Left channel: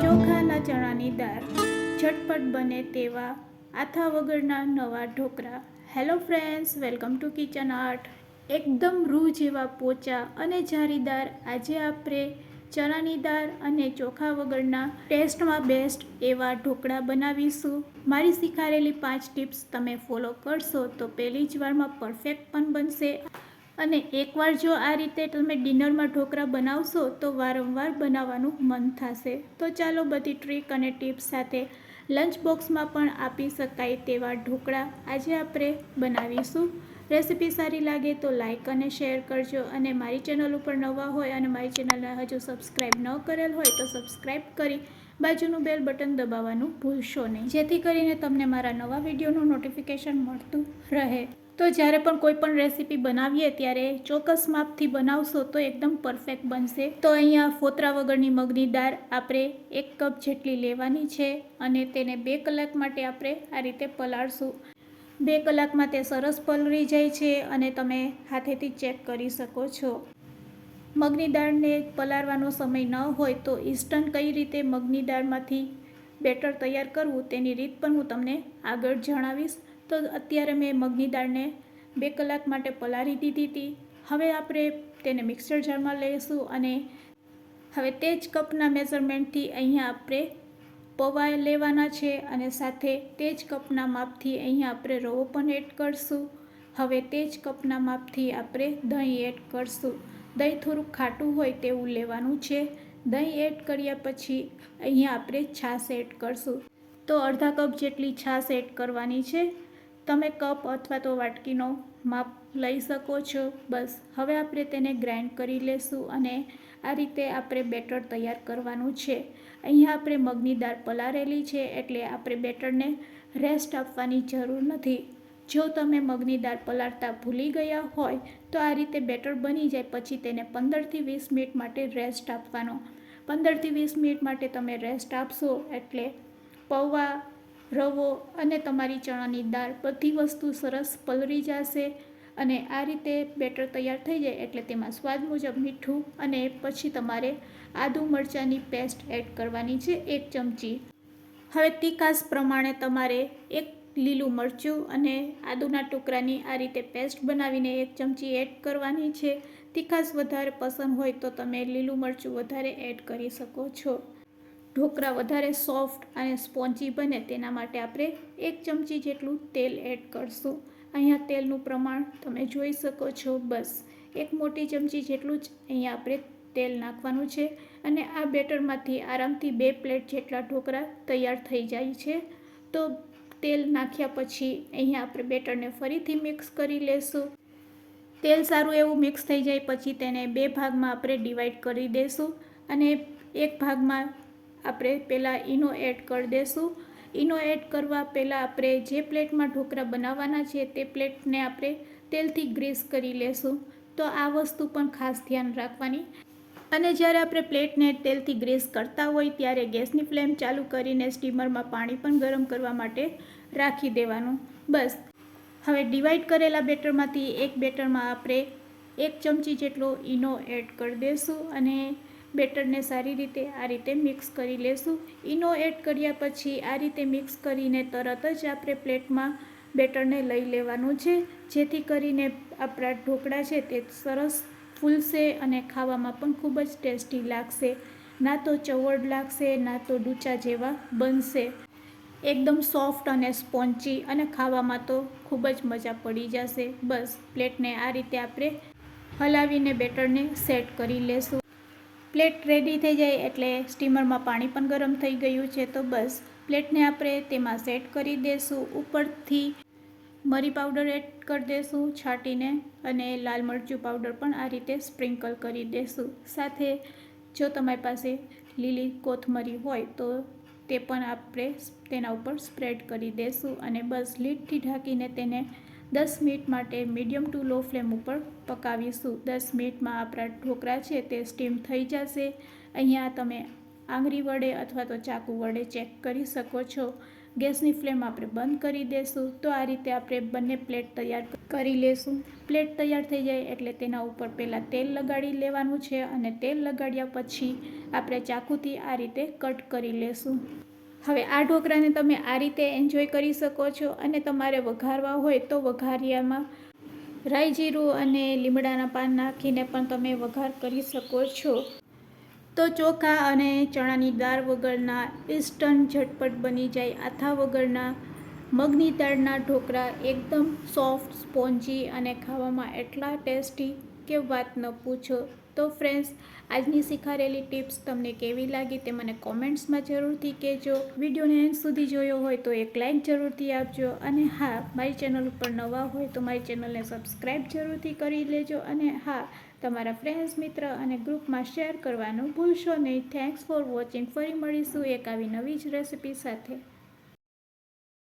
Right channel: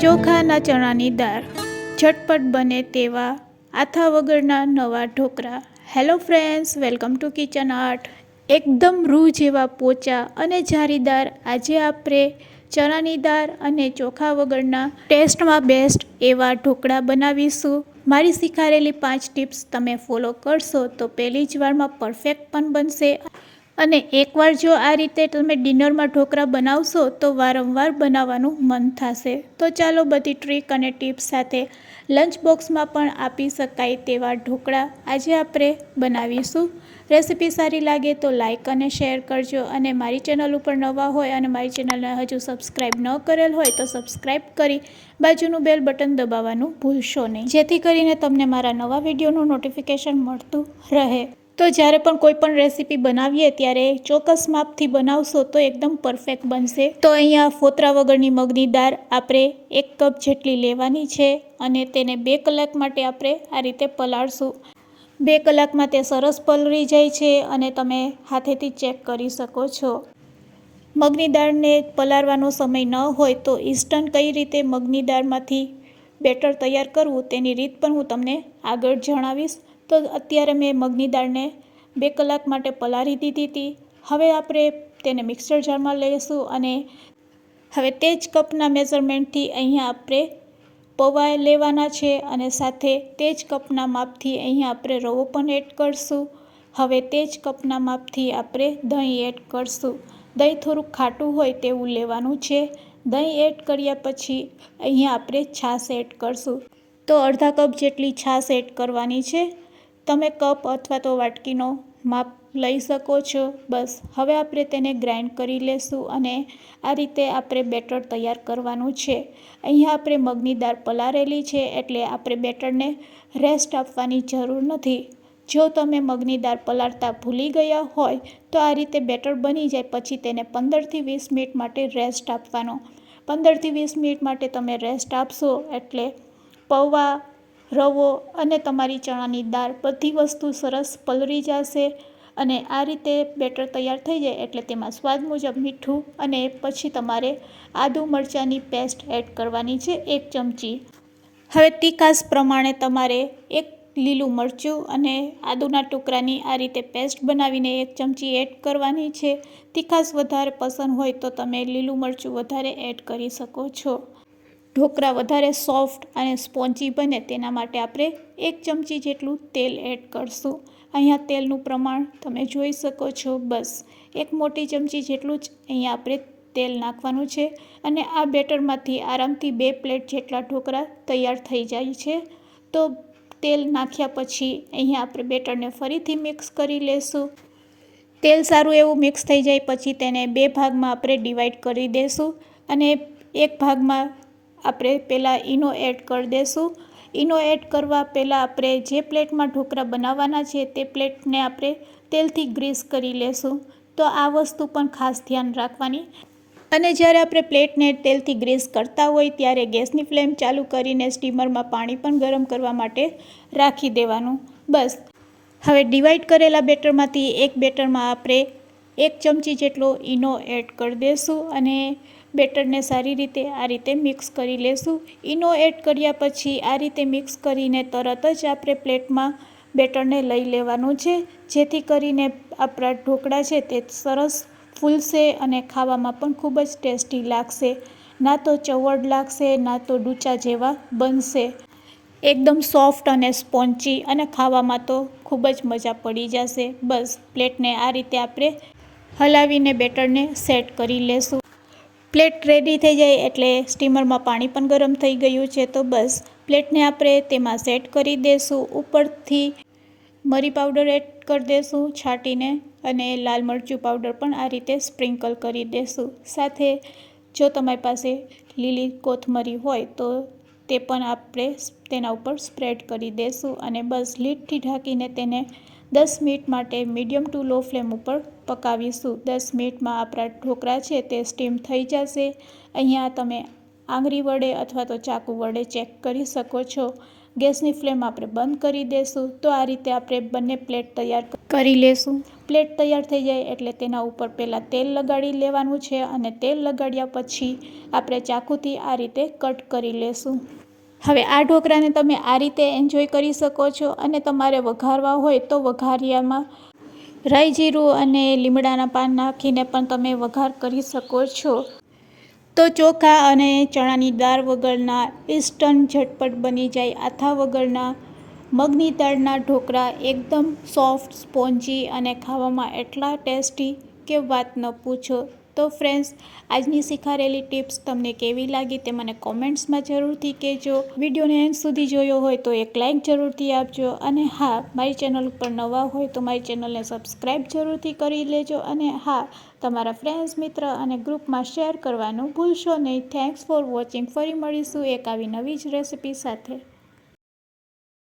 ચોખાના ચણાની દાળ ઝટપટ બને તેવા આથા વગરના નવા dhokla. Hello friends, welcome to kitchen art. એકદમ રૂ જેવા પોચા અને જારીદાર આજે આપણે ચણાની દાળ અને ચોખા વગરના ટેસ્ટમાં બેસ્ટ એવા ઢોકળા બનાવીશું। મારી શીખવાડેલી 5 ટિપ્સ તમે ફોલો કરશો તો પહેલી જ વારમાં પરફેક્ટ પણ બનશે અને એકવાર જો આ રીતે તમે ડિનરમાં ઢોકળા બનાવશો તો વારંવાર બનાવવાનું મન થશે। તો ચાલો બધી ટ્રીક અને ટિપ્સ સાથે લંચ બોક્સમાં પણ આપી શકાય તેવા ઢોકળા આજે આપણે બનાવીશું। રેસીપી સારી લાગે તો લાઇક અને શેર કરજો અને મારી ચેનલ ઉપર નવા હોય અને મારી ચેનલને હજુ સબસ્ક્રાઈબ ન કરેલ હોય તો સબસ્ક્રાઈબ કરી બાજુનું બેલ બટન દબાવવાનું ભૂલશો નહીં, જેથી કરીને તમને મારા નવા વિડીયોનું નોટિફિકેશન મળતું રહે। તો જ્યારે પણ કોઈ પણ રેસીપી બનાવીએ ત્યારે ચોક્કસ માપથી બનાવશો તો એકદમ પરફેક્ટ બનશે। તો અહીંયા ફોતરા વગરની મગની દાળ આપણે 1 કપ જેટલી લેવાની છે અને તેને 2 કલાક માટે આપણે આ રીતે પલાળશું। 2 કલાકમાં તે સરસ પલળી જાય છે અને તમે હાથેથી ચેક કરી શકો છો। મગની દાળને પલાળવાનો સમય ન હોય તો ઇન્સ્ટન્ટ કઈ રીતે મગની દાળમાંથી બેટર તૈયાર કરવું તેની રીત પણ હું તમને આગળ જણાવીશ। તો અત્યારે મેં મગની દાળને 2 કલાક માટે પલાળી દીધી હતી। હવે આપણે તેને મિક્સર જારમાં લઈશું અને હવે તે જ કપના મેઝરમેન્ટથી અહીંયા આપણે પૌવા લેવાના છે અને સાથે તે જ કપના માપથી અહીંયા આપણે રવો પણ એડ કરશું। હવે તે જ કપના માપથી આપણે દહીં એડ કરશું। દહીં થોડુંક ખાટું હોય તેવું લેવાનું છે। દહીં એડ કર્યા પછી અહીંયા આપણે છાશ એડ કરશું। તો અડધા કપ જેટલી છાશ એડ કરવાની છે। તમે કપ અથવા તો વાટકીનો માપ લઈ શકો છો। બસ હવે આપણે તેને ગ્રાઇન્ડ કરી લેશું અને આ રીતે આપણે બેટર તૈયાર કરવાનું છે। અહીંયા આપણે મગની દાળ પલાળેલી છે એટલે આપણે બેટરને રેસ્ટ આપવાની જરૂર નથી। જો તમે મગની દાળ પલાળતા ભૂલી ગયા હોય તો આ રીતે બેટર બની જાય પછી તેને 15થી 20 મિનિટ માટે રેસ્ટ આપવાનો। 15થી 20 મિનિટ માટે તમે રેસ્ટ આપશો એટલે પૌવા, રવો અને તમારી ચણાની દાળ બધી વસ્તુ સરસ પલળી જશે અને આ રીતે બેટર તૈયાર થઈ જાય એટલે તેમાં સ્વાદ મુજબ મીઠું અને પછી તમારે આદુ મરચાંની પેસ્ટ એડ કરવાની છે 1 ચમચી। હવે તીખાશ પ્રમાણે તમારે 1 લીલું મરચું અને આદુના ટુકડાની આ રીતે પેસ્ટ બનાવીને 1 ચમચી એડ કરવાની છે। તીખાશ વધારે પસંદ હોય તો તમે લીલું મરચું વધારે એડ કરી શકો છો। ઢોકળા વધારે સોફ્ટ અને સ્પોન્જી બને તેના માટે આપણે 1 ચમચી જેટલું તેલ એડ કરશું। અહીંયા તેલનું પ્રમાણ તમે જોઈ શકો છો। બસ 1 મોટી ચમચી જેટલું જ અહીંયા આપણે તેલ નાખવાનું છે અને આ બેટરમાંથી આરામથી 2 પ્લેટ જેટલા ઢોકળા તૈયાર થઈ જાય છે। તો તેલ નાખ્યા પછી અહીંયા આપણે બેટરને ફરીથી મિક્સ કરી લેશું। તેલ સારું એવું મિક્સ થઈ જાય પછી તેને 2 ભાગમાં આપણે ડિવાઈડ કરી દેશું અને એક ભાગમાં આપણે પહેલાં ઈનો એડ કરી દેશું। ઈનો એડ કરવા પહેલાં આપણે જે પ્લેટમાં ઢોકળા બનાવવાના છે તે પ્લેટને આપણે તેલથી ગ્રીસ કરી લેશું। તો આ વસ્તુ પણ ખાસ ધ્યાન રાખવાની અને જ્યારે આપણે પ્લેટને તેલથી ગ્રીસ કરતા હોય ત્યારે ગેસની ફ્લેમ ચાલુ કરીને સ્ટીમરમાં પાણી પણ ગરમ કરવા માટે રાખી દેવાનું। બસ હવે ડિવાઈડ કરેલા બેટરમાંથી એક બેટરમાં આપણે 1 ચમચી જેટલો ઈનો એડ કરી દેશું અને બેટરને સારી રીતે આ રીતે મિક્સ કરી લેશું। ઈનો એડ કર્યા પછી આ રીતે મિક્સ કરીને તરત જ આપણે પ્લેટમાં બેટરને લઈ લેવાનું છે, જેથી કરીને આપણા ઢોકળા છે તે સરસ ફૂલશે અને ખાવામાં પણ ખૂબ જ ટેસ્ટી લાગશે। ના તો ચવડ લાગશે ના તો ડૂચા જેવા બનશે। એકદમ સોફ્ટ અને સ્પોન્જી અને ખાવામાં તો ખૂબ જ મજા પડી જશે। બસ પ્લેટને આ રીતે આપણે હલાવીને બેટરને સેટ કરી લેશું। પ્લેટ રેડી થઈ જાય એટલે સ્ટીમરમાં પાણી પણ ગરમ થઈ ગયું છે તો બસ પ્લેટને આપણે તેમાં સેટ કરી દેશું। ઉપરથી મરી પાવડર એડ કરી દેશું છાંટીને અને લાલ મરચું પાવડર પણ આ રીતે સ્પ્રિંકલ કરી દેશું। સાથે જો તમારી પાસે લીલી કોથમરી હોય તો તે પણ આપણે તેના ઉપર સ્પ્રેડ કરી દેશું અને બસ લીડથી ઢાંકીને તેને 10 મિનિટ માટે મીડિયમ ટુ લો ફ્લેમ ઉપર પકાવીશું। 10 મિનિટમાં આપણા ઢોકળા છે તે સ્ટીમ થઈ જશે। અહીંયા તમે આંગળી વડે અથવા તો ચાકુ વડે ચેક કરી શકો છો। ગેસની ફ્લેમ આપણે બંધ કરી દઈશું. તો આ રીતે આપણે બંને પ્લેટ તૈયાર કરી લેશું. પ્લેટ તૈયાર થઈ જાય એટલે તેના ઉપર પહેલાં તેલ લગાડી લેવાનું છે અને તેલ લગાડ્યા પછી આપણે ચાકુથી આ રીતે કટ કરી લેશું. હવે આ ઢોકળાને તમે આ રીતે એન્જોય કરી શકો છો અને તમારે વઘારવા હોય તો વઘારિયામાં રાઈ જીરું અને લીમડાના પાન નાખીને પણ તમે વઘાર કરી શકો છો. તો ચોખા અને ચણાની દાળ વગરના ઇન્સ્ટન્ટ ઝટપટ બની જાય આથા વગરના મગની દાળના ઢોકળા એકદમ સોફ્ટ, સ્પોન્જી અને ખાવામાં એટલા ટેસ્ટી કે વાત ન પૂછો. તો ફ્રેન્ડ્સ, આજની શીખારેલી ટિપ્સ તમને કેવી લાગી તે મને કોમેન્ટ્સમાં જરૂરથી કહેજો. વિડીયોને એન્ડ સુધી જોયો હોય તો એક લાઇક જરૂરથી આપજો અને હા, મારી ચેનલ ઉપર નવા હોય તો મારી ચેનલને સબસ્ક્રાઈબ જરૂરથી કરી લેજો અને હા, તમારા ફ્રેન્ડ્સ, મિત્ર અને ગ્રુપમાં શેર કરવાનું ભૂલશો નહીં. Thanks for watching. ફરી મળીશું એક આવી નવી જ રેસિપી સાથે.